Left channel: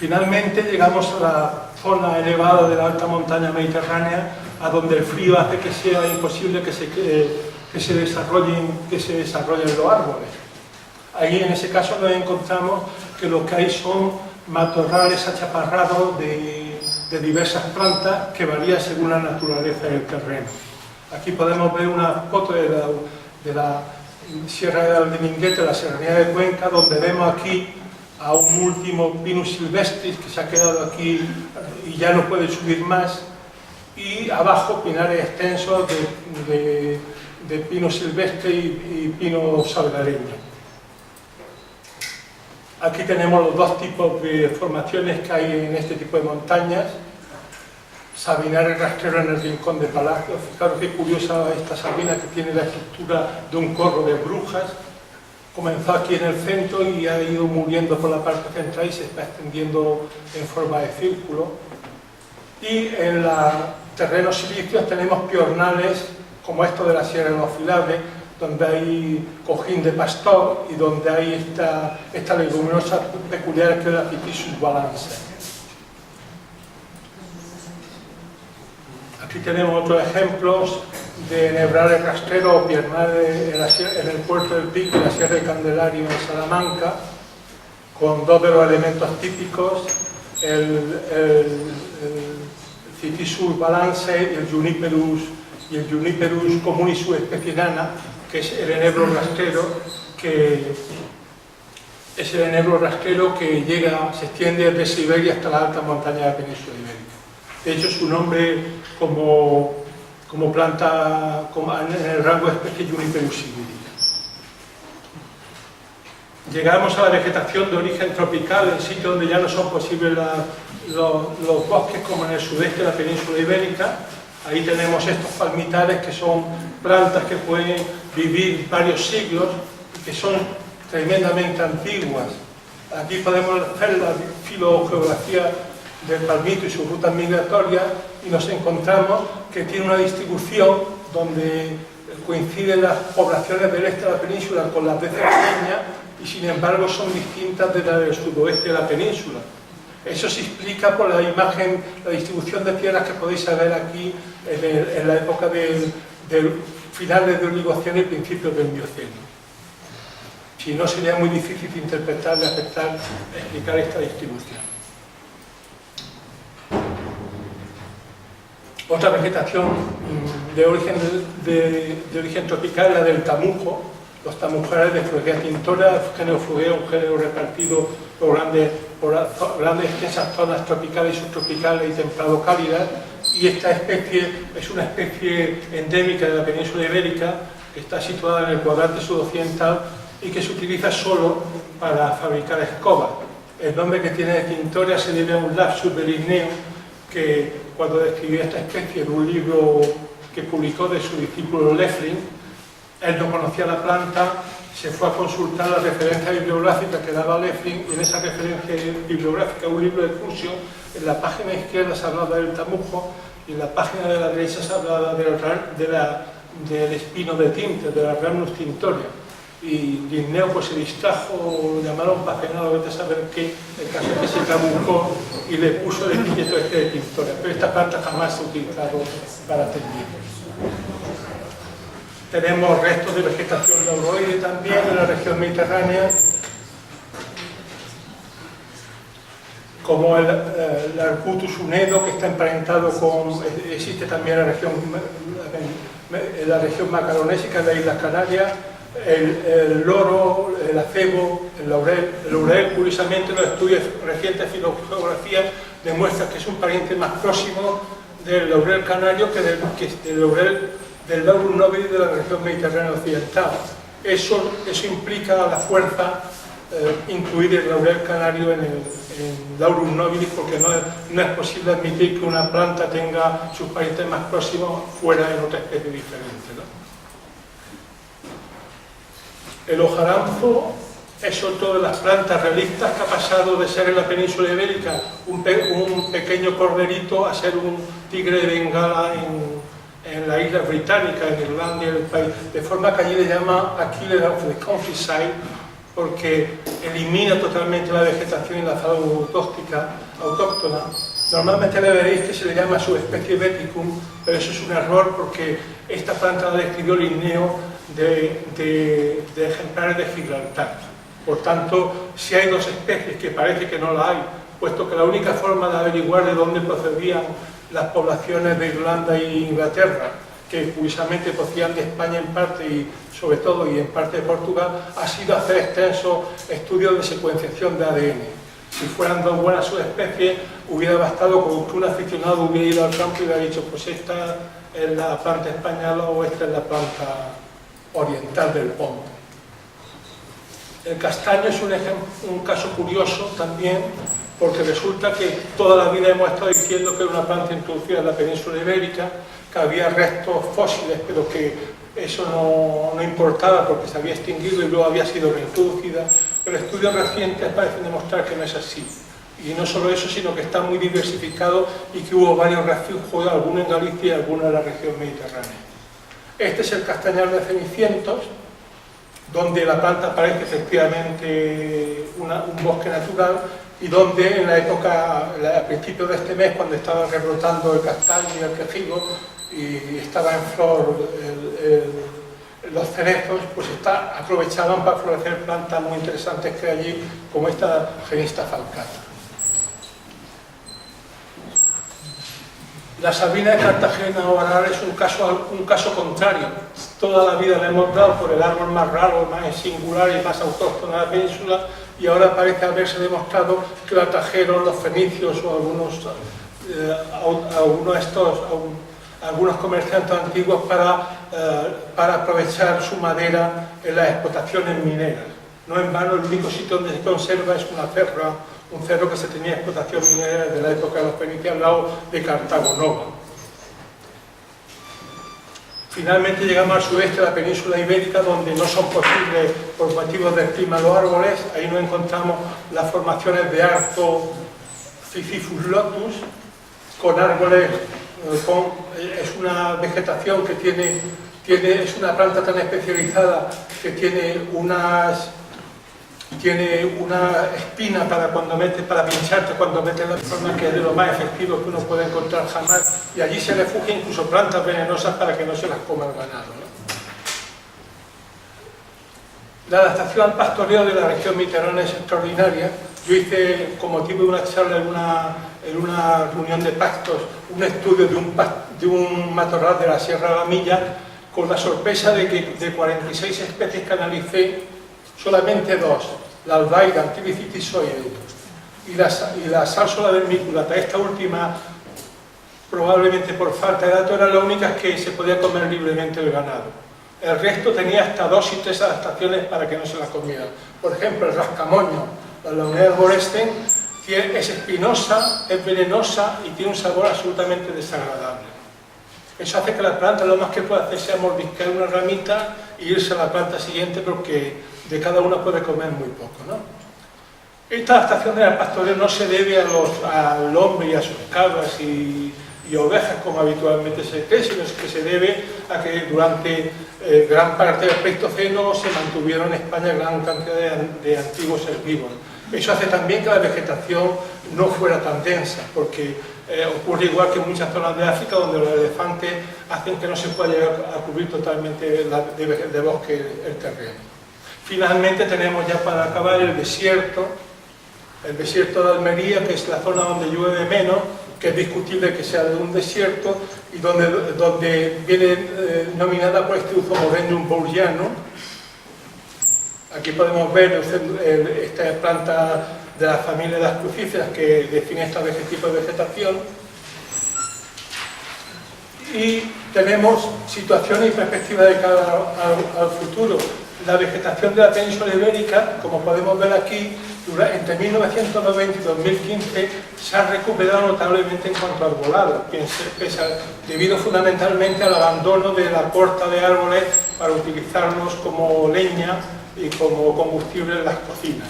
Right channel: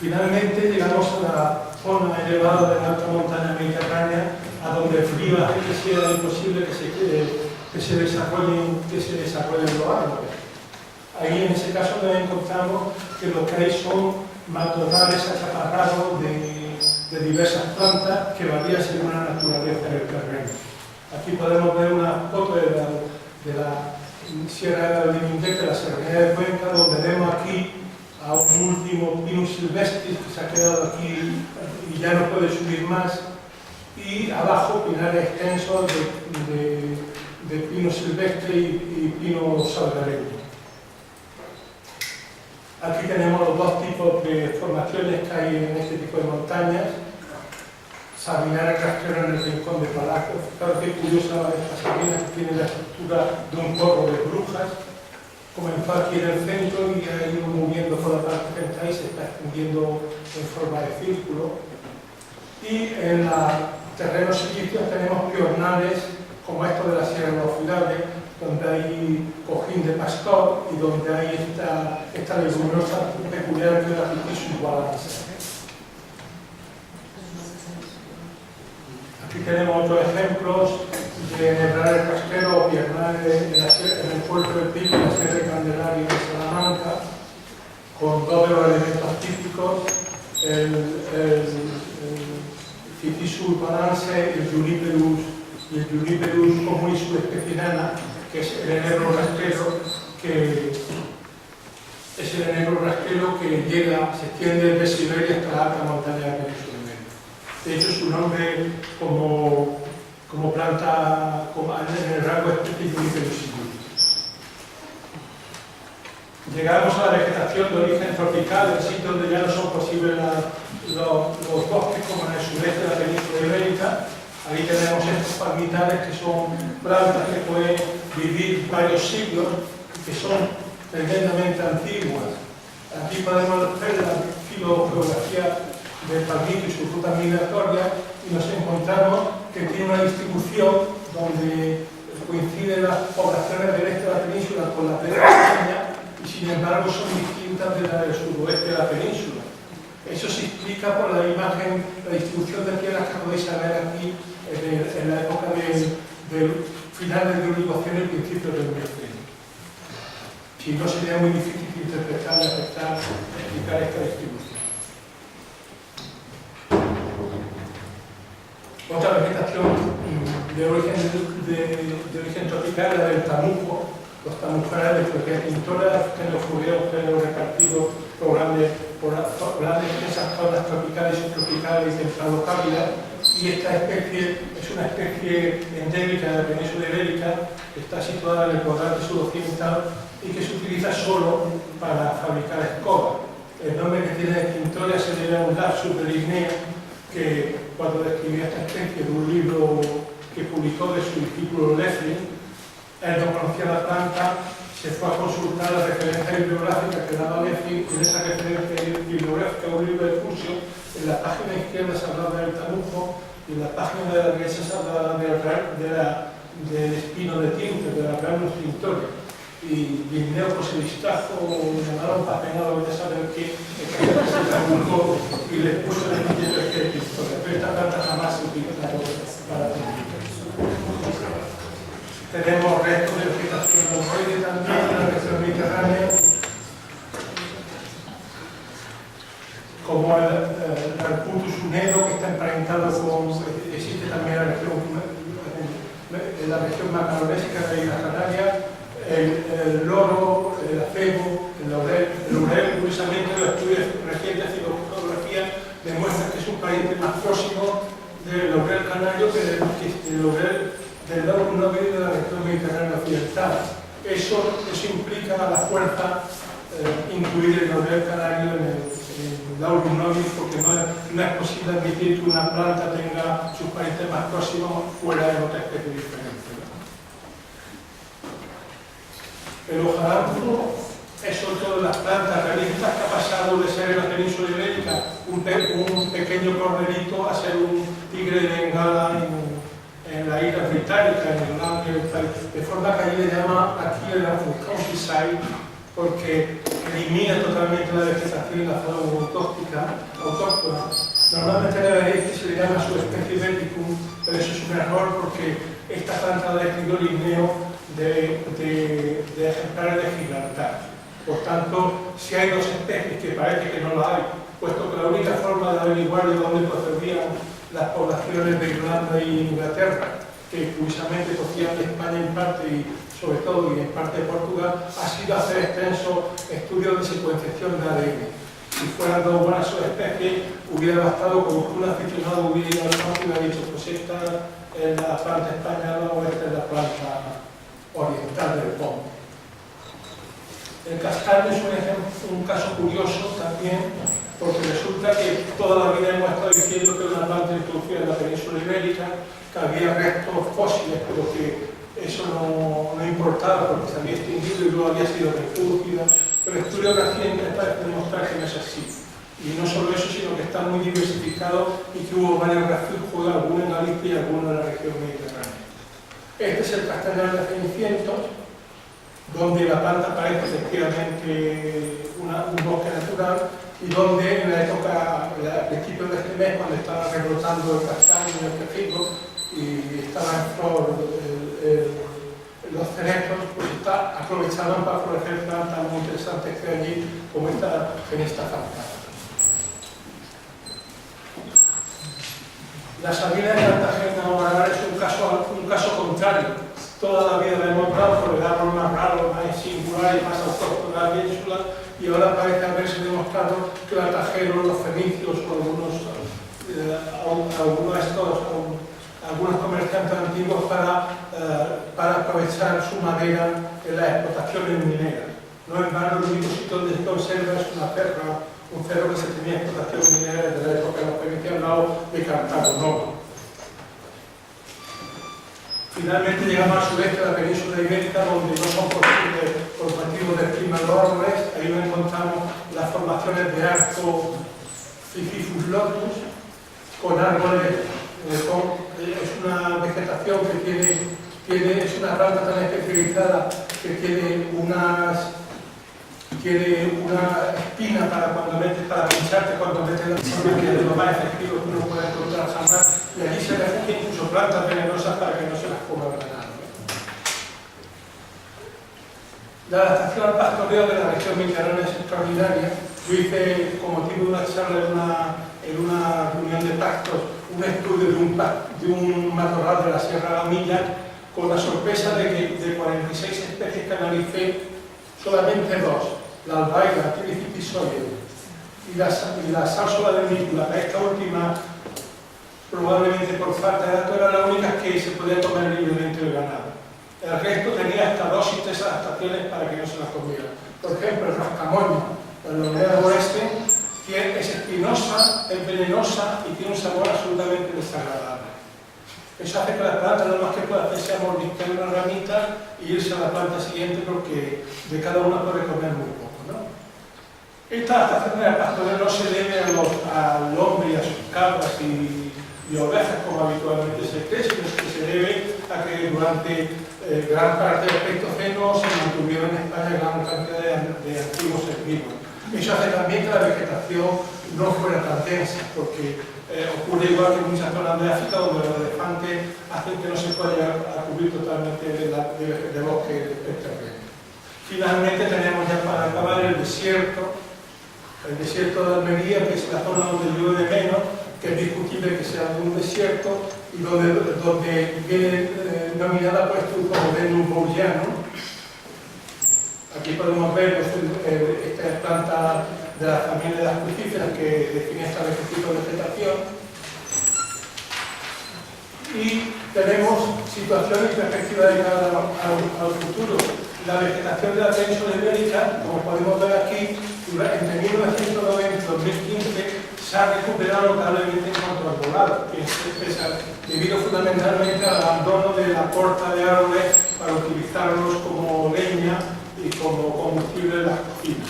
Finalmente llegamos a la zona elevada de la alta montaña mediterránea, a donde el frío hace que sea imposible que se desarrollen los árboles. Ahí en ese caso nos encontramos que lo que hay son matorrales achaparrados de diversas plantas que varían según la naturaleza del terreno. Aquí podemos ver una foto de la Sierra del Dininguete, la Serranía de Cuenca, donde vemos aquí a un último Pinus silvestris que se ha quedado aquí y ya no puede subir más, y abajo pinares extensos de pino silvestre y pino salgareño. Aquí tenemos los dos tipos de formaciones que hay en este tipo de montañas. Sabinares rastrero en el rincón de Palacio. Fijaros qué curiosa esta sabina, que tiene la estructura de un corro de brujas. Comenzó aquí en el centro y ha ido muriendo por la parte central y se está extendiendo en forma de círculo. Y en los terrenos silíceos tenemos piornales como estos de la Sierra de los Filables, donde hay cojín de pastor y donde hay esta leguminosa peculiar que es la Phytis balance. Aquí tenemos otros ejemplos de nebrales rastreros o piernales en el puerto del Pico y la Sierra de Candelario en Salamanca, con dos de los elementos típicos, el Phytis balance y el Juniperus común y su especie nana, que es el enebro rastrero que llega, se extiende desde Siberia hasta la alta montaña de la península ibérica. De hecho, su nombre como planta en el rango de especie Juniperus singularis. Llegamos a la vegetación de origen tropical, en sitios donde ya no son posibles los bosques, como en el sudeste de la península ibérica. Ahí tenemos estos palmitares, que son plantas que pueden vivir varios siglos y que son tremendamente antiguas. Aquí podemos ver la filogeografía del palmito y sus rutas migratorias y nos encontramos que tiene una distribución donde coinciden las poblaciones del este de la península con las de Cerdeña y sin embargo son distintas de las del sudoeste de la península. Eso se explica por la imagen, la distribución de piedras que podéis ver aquí en la época de finales del Oligoceno y principios del Mioceno. Si no, sería muy difícil interpretar y aceptar, explicar esta distribución. Otra vegetación de origen tropical es la del tamujo. Los tamujales de Fueguea tintora, género Fueguea, un género repartido por grandes extensas zonas tropicales, subtropicales y templado-cálidas, y esta especie es una especie endémica de la península ibérica, que está situada en el cuadrante sudoccidental y que se utiliza solo para fabricar escobas. El nombre que tiene de tintoria se debe a un lapsus de Linneo, que cuando describió esta especie de un libro que publicó de su discípulo Leffling, él no conocía la planta, se fue a consultar la referencia bibliográfica que daba Leffling, y en esa referencia bibliográfica, un libro de Crucio, en la página izquierda se hablaba del tamujo y en la página de la derecha se hablaba del espino de tinte, de la Rhamnus tintoria. Y Linneo pues se distrajo, lo llamaron pagenado, vete a saber qué, el caso que se trabucó y le puso el epíteto de tintoria. Pero esta planta jamás se utilizó para técnicas. Tenemos restos de vegetación neuroide también en la región mediterránea, como el Arbutus unedo, que está emparentado con, existe también en la región macaronésica de Islas Canarias, el loro, el acebo, el laurel. El laurel, curiosamente, los estudios recientes de filogeografía demuestran que es un pariente más próximo del laurel canario que del laurel del Laurum nobilis de la región mediterránea occidental. Eso implica a la fuerza incluir el laurel canario en el Laurum nobilis, porque no es posible admitir que una planta tenga sus parientes más próximos fuera de otra especie diferente, ¿no? El hojaranzo es otro de las plantas relictas que ha pasado de ser en la península ibérica un pequeño corderito a ser un tigre de Bengala en la isla británica, en Irlanda, de forma que allí le llama Achille of the Countryside, porque elimina totalmente la vegetación y la fauna autóctona. Normalmente le veréis que se le llama subespecie Veticum, pero eso es un error porque esta planta la describió Linneo de ejemplares de Gibraltar. Por tanto, si hay dos especies, que parece que no la hay, puesto que la única forma de averiguar de dónde procedían las poblaciones de Irlanda e Inglaterra, que curiosamente procedían de España en parte y sobre todo y en parte de Portugal, ha sido hacer extensos estudios de secuenciación de ADN. Si fueran dos buenas subespecies, hubiera bastado con que un aficionado hubiera ido al campo y hubiera dicho, pues esta es la planta española o esta es la planta oriental del Ponto. El castaño es un caso curioso también, porque resulta que toda la vida hemos estado diciendo que era una planta introducida en la península ibérica, que había restos fósiles, pero que eso no importaba porque se había extinguido y luego había sido reintroducida, pero estudios recientes parecen demostrar que no es así. Y no solo eso, sino que está muy diversificado y que hubo varios refugios, algunos en Galicia y algunos en la región mediterránea. Este es el castañal de Cenicientos, donde la planta parece efectivamente un bosque natural y donde en la época, a principios de este mes, cuando estaba rebrotando el castaño y el quejigo y estaba en flor los cerezos, pues aprovechaban para florecer plantas muy interesantes que hay allí, como esta Genista falcata. La Sabina de Cartagena ahora es un caso contrario. Toda la vida la hemos dado por el árbol más raro, más singular y más autóctono de la península, y ahora parece haberse demostrado que los atajeros, los fenicios o algunos comerciantes antiguos para aprovechar su madera en las explotaciones mineras. No en vano, el único sitio donde se conserva es un cerro que se tenía explotación minera desde la época de los fenicios al lado de Cartago Nova. Finalmente llegamos al sudeste de la península ibérica, donde no son posibles por motivos del clima los árboles. Ahí nos encontramos las formaciones de Arco, Sisyphus lotus, con árboles, es una vegetación que es una planta tan especializada que tiene una espina para pincharte cuando metes la forma, que es de lo más efectivo que uno puede encontrar jamás, y allí se refugian incluso plantas venenosas para que no se las coma el ganado, ¿no? La adaptación al pastoreo de la región mediterránea es extraordinaria. Yo hice, con motivo de una charla en una reunión de pastos, un estudio de un matorral de la Sierra de la Milla, con la sorpresa de que de 46 especies que analicé, solamente dos, la albaida, Antibicis y la sálsola vermiculata, esta última, probablemente por falta de datos, eran las únicas que se podía comer libremente el ganado. El resto tenía hasta 2 y 3 adaptaciones para que no se las comieran. Por ejemplo, el rascamoño, la Leonea arborescens, es espinosa, es venenosa y tiene un sabor absolutamente desagradable. Eso hace que la planta lo más que puede hacer sea mordisquear una ramita e irse a la planta siguiente, porque de cada una puede comer muy poco, ¿no? Esta adaptación del pastoreo no se debe al hombre y a sus cabras y ovejas como habitualmente se cree, sino que se debe a que durante gran parte del Pleistoceno se mantuvieron en España gran cantidad de antiguos herbívoros. Eso hace también que la vegetación no fuera tan densa, porque ocurre igual que en muchas zonas de África, donde los elefantes hacen que no se pueda llegar a cubrir totalmente de bosque el terreno. Finalmente tenemos ya para acabar el desierto de Almería, que es la zona donde llueve menos, que es discutible que sea de un desierto, y donde viene nominada por este Euphorborium bourgiano. Aquí podemos ver esta planta de la familia de las crucíferas que define este tipo de vegetación. Y tenemos situaciones y perspectivas de cara al futuro. La vegetación de la península ibérica, como podemos ver aquí, entre 1990 y 2015 se ha recuperado notablemente en cuanto a arbolado, debido fundamentalmente al abandono de la corta de árboles para utilizarlos como leña y como combustible en las cocinas.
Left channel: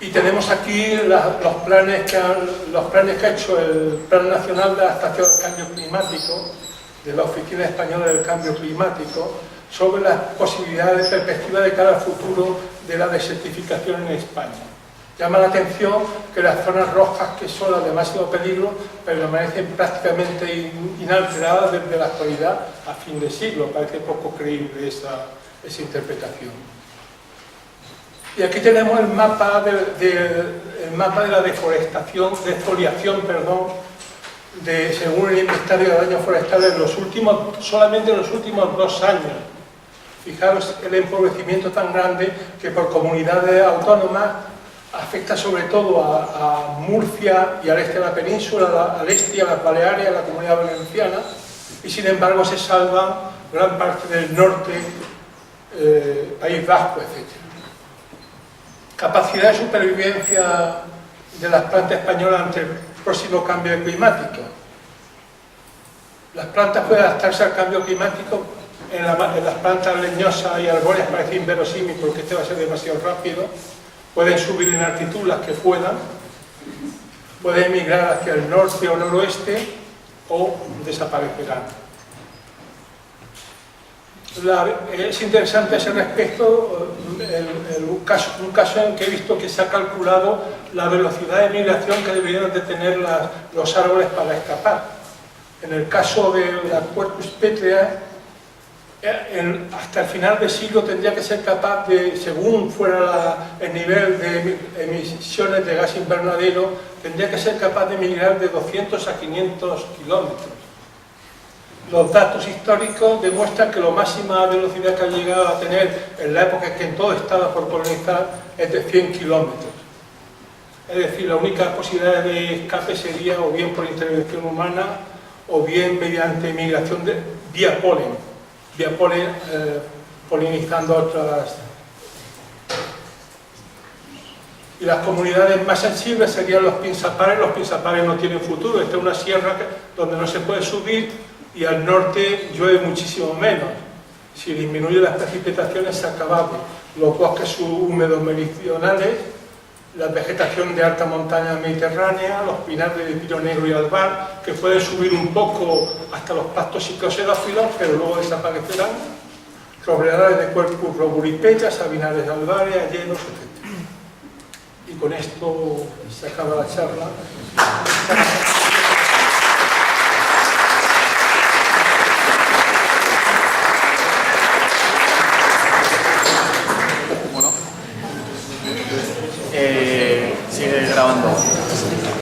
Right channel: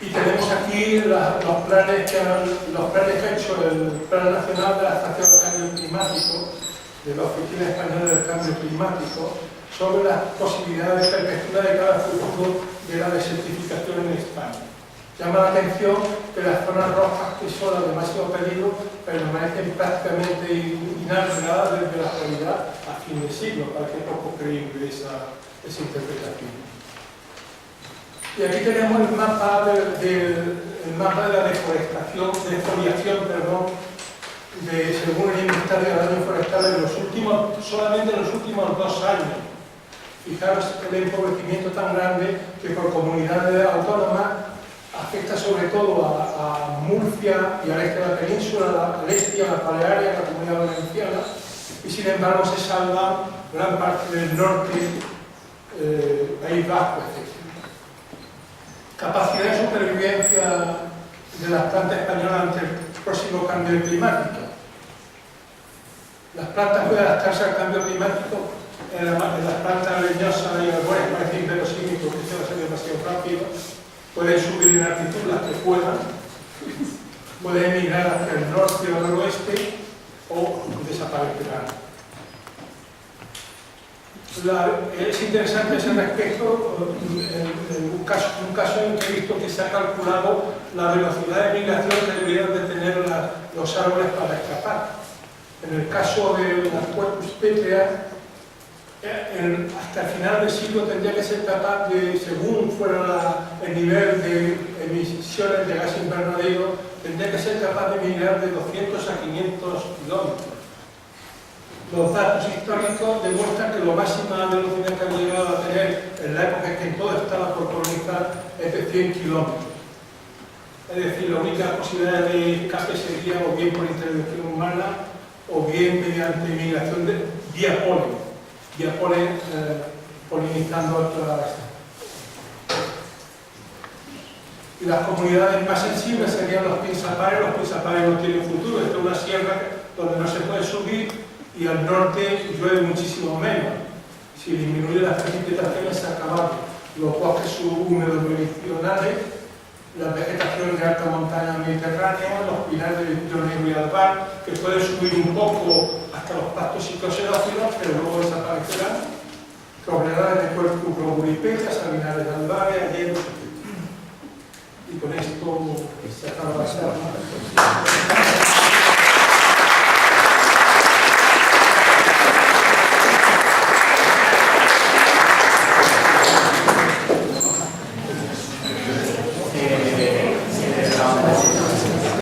Y tenemos aquí los planes que ha hecho el Plan Nacional de Adaptación al Cambio Climático, de la Oficina Española del Cambio Climático, sobre las posibilidades de perspectiva de cara al futuro de la desertificación en España. Llama la atención que las zonas rojas, que son las de máximo peligro, permanecen prácticamente inalteradas desde la actualidad a fin de siglo. Parece poco creíble esa interpretación. Y aquí tenemos el mapa de la deforestación, según el inventario de daños forestales solamente en los últimos 2 años. Fijaros el empobrecimiento tan grande que por comunidades autónomas afecta sobre todo a Murcia y al este de la península, al este y a las Baleares, a la Comunidad Valenciana, y sin embargo se salva gran parte del norte, País Vasco, etc. Capacidad de supervivencia de las plantas españolas ante el próximo cambio climático. Las plantas pueden adaptarse al cambio climático. En las plantas leñosas y arbóreas parece inverosímil porque este va a ser demasiado rápido. Pueden subir en altitud las que puedan, pueden migrar hacia el norte o noroeste o desaparecerán. Es interesante a ese respecto un caso en que he visto que se ha calculado la velocidad de migración que deberían de tener los árboles para escapar. En el caso de la Quercus petrea, hasta el final del siglo tendría que ser capaz de, según fuera el nivel de emisiones de gas invernadero, tendría que ser capaz de migrar de 200 a 500 kilómetros. Los datos históricos demuestran que la máxima velocidad que han llegado a tener en la época en que todo estaba por colonizar es de 100 kilómetros. Es decir, la única posibilidad de escape sería o bien por intervención humana o bien mediante migración vía polen. Polinizando otras. Y las comunidades más sensibles serían los pinzapares. Los pinzapares no tienen futuro. Esta es una sierra donde no se puede subir y al norte llueve muchísimo menos. Si disminuyen las precipitaciones se ha acabado. Los bosques subhúmedos meridionales, la vegetación de alta montaña mediterránea, los pinares de pino negro y albar, que pueden subir un poco hasta los pastos psicoxerófilos, pero luego desaparecerán. Robledales de Quercus roburipetra, sabinares de albares, ayeros, etc. Y con esto se acaba la charla.